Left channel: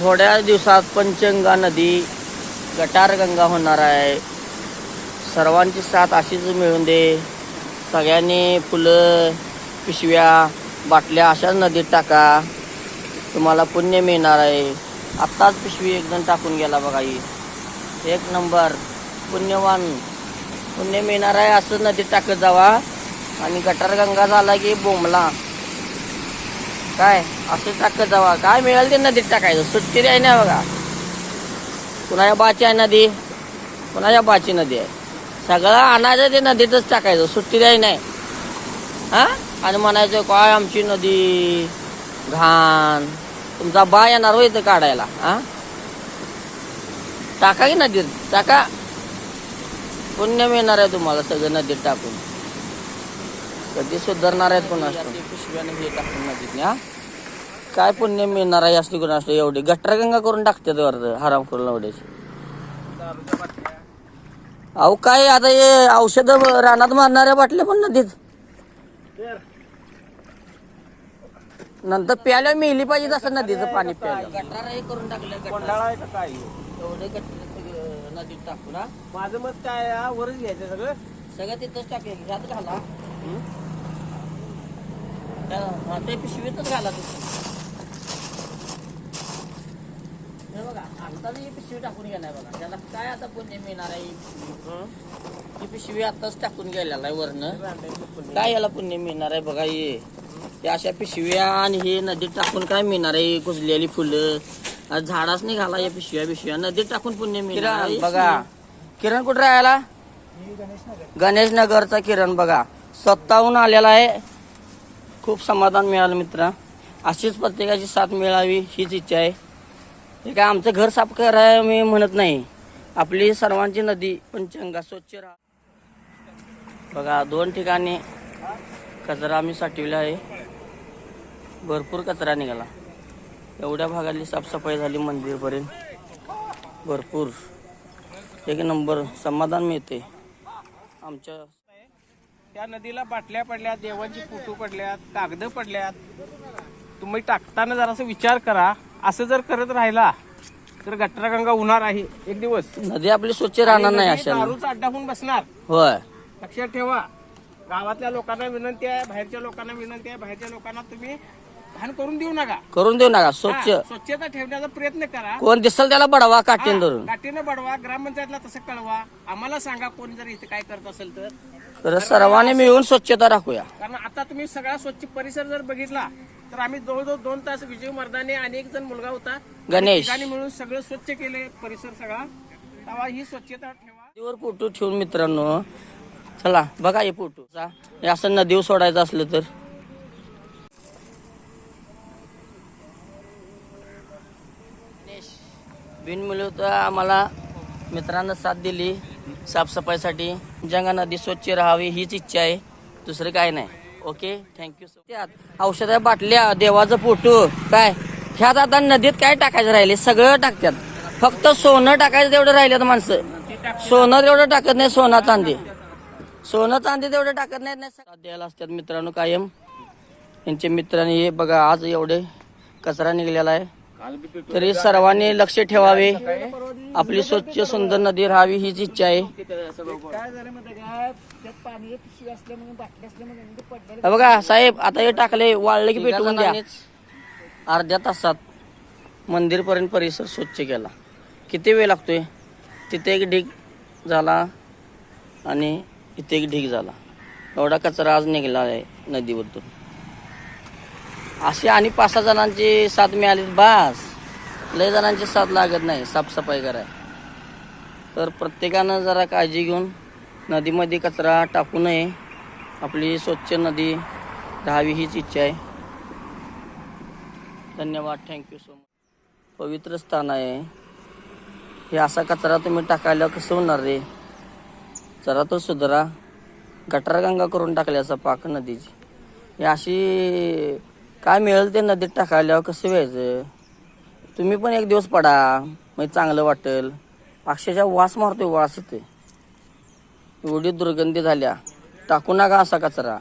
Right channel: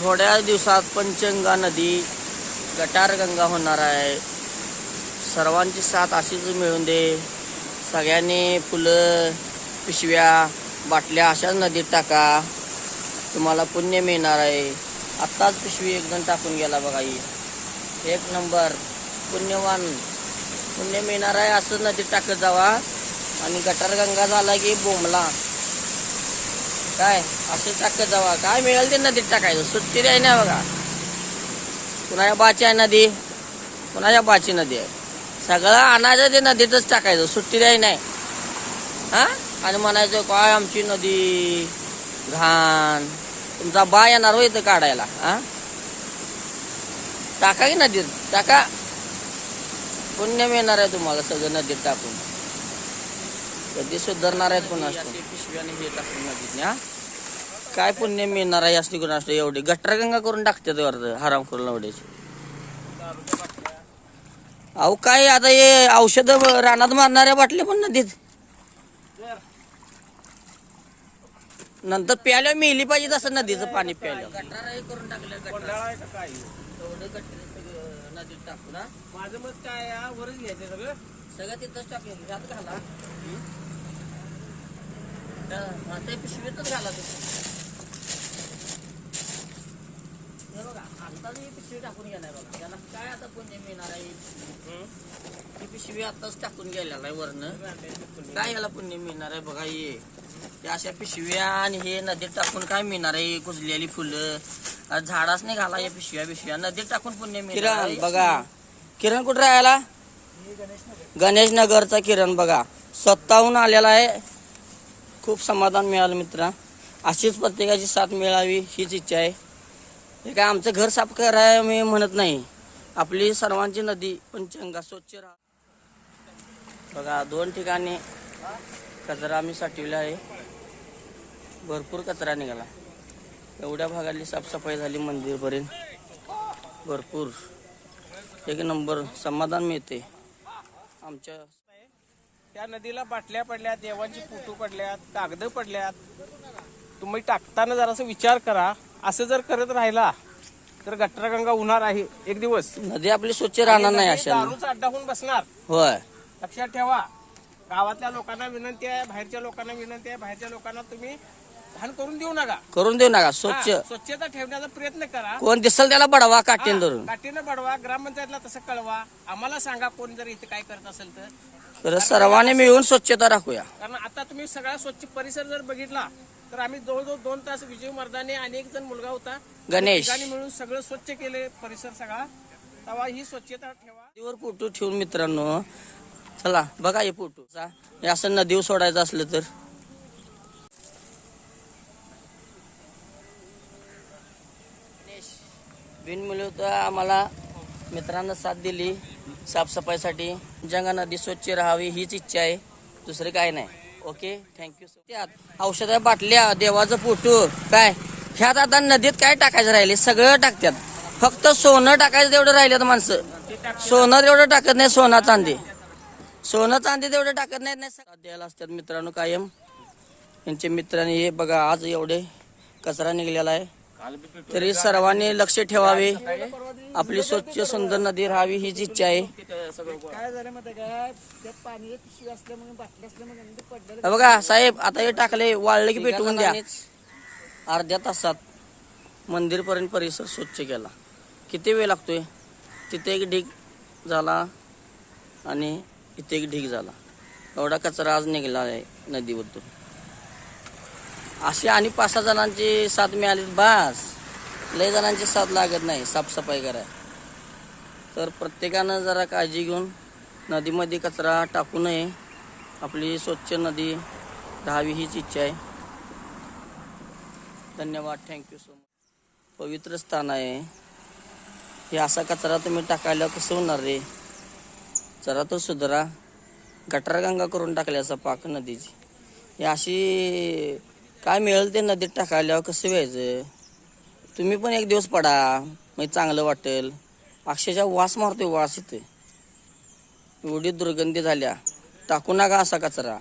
थोड्या दिवसात पंचगंगा नदी गटार गंगा होणार आहे. सर्वांची साथ अशीच मिळून दे. सगळ्यांनी फुलं पिशव्या बाटल्या अशाच नदीत टाका. तुम्हाला पुण्य मिळणार आहे. आत्ताच पिशवी एकदम टाकून गेला बघा ही. एक नंबर. पुण्यवान. पुण्य मिळणार आहे असं नदीत टाकत जावा. आणि गटार गंगा झाला की बोंबला. काय? असं टाकत जावा. काय मिळेल ते नदीत टाकायचं. सुट्टी आहे ना बघा. कुणाच्या बाची आहे नदी? कुणाच्या बाची नदी आहे? सगळं आणायचं ते नदीतच टाकायचं. सुट्टी आहे नाही. हा? आणि म्हणायचं काय आमची नदी? घाण. तुमचा बा येणार हो इथं काढायला. हा? टाका की नदीत. टाका. पुण्य मिळणार आहे तुम्हाला सगळं नदीत टाकून. कधी सुधारणार आहेत पण. पिशव्याने टाकून नदीत हा? काय पुण्य मिळणार आहे असली कोण असते एवढी? गटरगंगा करून टाकते ते हराम करून एवढेच अहो काय आता हे औषध रानात मारणाऱ्या बाटल्या पण नदीत नंतर प्यायला मिळली पाहिजे तसं नदीचं पाणी प्यायला. गटार. हे करून टाकलं काय? एवढे गटर सगळं नदीत टाकून हा. माझं मत काय आहे, हा, वरच घ्यायचं सगळं? सगळं तिथंच टाकलं घ्यात घाला. हं? त्या- हा, पिशवीतच घाला तुम्ही हे बघा आत्ताच ही पिशवी टाकून गेलाय बघा. त्याला काय आता पुण्य मिळणार आहे? हं? ही पिशवी आत्ताच टाकून गेलेला आहे वरनं. काय याला पुण्य मिळणार आहे बघा हे? त्या अशा पिशव्या आणि हे नदीत टाकून काय मिळणार आहे? कुजलेली फुलं. आज झाडाच नाही घाला या पिशव्या पिशव्या नदीत टाकून पुण्य मिळणार आहे. बघा. किरण कुठे राहायला गणेश नगरचा किरण बघा. स्वतःहून आलेला आहे. खूप समाधान मिळालं मित्रा. अशीच प्रत्येकाची साथ मिळावी हीच इच्छा आहे. हे काय आमचं घर साफ कराय मी म्हणत नाही. आपली सर्वांची नदी पंचगंगा स्वच्छ राहा. बघा दोन ठिकाणी कचरा आम्ही साठवला आहे. भरपूर कचरा निघाला. एवढ्या भागातली साफसफाई झाली मंदिरपर्यंत. भरपूर. एक नंबर समाधान मिळते. आमच्या त्या नदीला बाटल्या पडल्यात देवाची फोटो पडल्यात कागद पडल्यात. तुम्ही टाकताना जरासा विचार करा. असं जर करत राहिला तर गटरागंगा होणार आहे. एक दिवस. नदी आपली स्वच्छ राहणार नाही अशा दारूचा अड्डा होऊन बसणार. होय. लक्षात ठेवा. गावातल्या लोकांना विनंती आहे बाहेरच्या लोकांना विनंती आहे बाहेरच्या लोकांना तुम्ही घाण करून देऊ नका. करून देऊ नका स्वच्छ. हा, स्वच्छता ठेवण्याचा प्रयत्न करा. कोण दिसल त्याला बडवा काटीन धरून काठीनं बडवा ग्रामपंचायतला तसं कळवा. आम्हाला सांगा कोण जर इथं काय करत असेल तर. तर सर्वांनी मिळून स्वच्छता राखूया. कारण आता तुम्ही सगळा स्वच्छ परिसर जर बघितला तर आम्ही जवळजवळ दोन तास विजय मर्दाने आणि एक जण मुलगा होता. गणेश. ठिकाणी मिळून सगळं स्वच्छ केले परिसर सगळा. तेव्हा ही स्वच्छता ठेवा. नदीवर फोटो ठेवून मित्रांनो चला बघा हे फोटो. हे असं नदीवर सोडायचं असलं तर. बिनमुले तर आम्हाला मित्रांनं साथ दिली साफसफाईसाठी. जंगा नदी स्वच्छ राहावी हीच इच्छा आहे. दुसरं काय नाही. ओके थँक्यू सो त्यात औषधा बाटल्या देवाचं फोटो काय? ह्यात आता नदीत काय टाकायचं राहिले? सगळं टाकतात. फक्त सोनं टाकायचं तेवढं राहिलं माणसं. सोनं तेवढं टाकत नाही सोना चांदी. सोनं चांदी तेवढं टाकत नाहीत नाही द्यायला असतात मित्रांनो कायम. यांचे मित्रांनी हे बघा आज एवढे कचरा निघलेला आहे. तरी सर्वांनी लक्ष ठेवावे. आपली स्वच्छ सुंदर नदी राहावी हीच इच्छा आहे. बघा साहेब आता हे टाकले वाळले की पेटवून द्या अर्ध्या तासात मंदिरपर्यंत परिसर स्वच्छ केला. किती वेळ लागतोय? तिथे एक ढीग झाला आणि इथे एक ढीग झाला. एवढा कचरा आज निघाला आहे नदीबद्दल. असे आणि पाच सहा जणांची साथ मिळाली. बास. लय जणांची साथ लागत नाही. साफसफाई कराय तर प्रत्येकानं जरा काळजी घेऊन नदीमध्ये कचरा टाकू नये. आपली स्वच्छ नदी राहावी हीच इच्छा आहे. धन्यवाद. थँक्यू सो मच पवित्र स्थान आहे. हे असा कचरा तुम्ही टाकायला कसं होणार रे? जरा तो सुधारा. गटारगंगा करून टाकल्याचा पाक नदीची. हे अशी काय मिळेल ते नदीत टाकायला कसं व्हायचं? तुम्ही पण एक दिवस पडा मग चांगलं वाटेल. अक्षरशः वास मारतोय वास येते एवढी दुर्गंधी झाल्या. टाकू नका असा कचरा.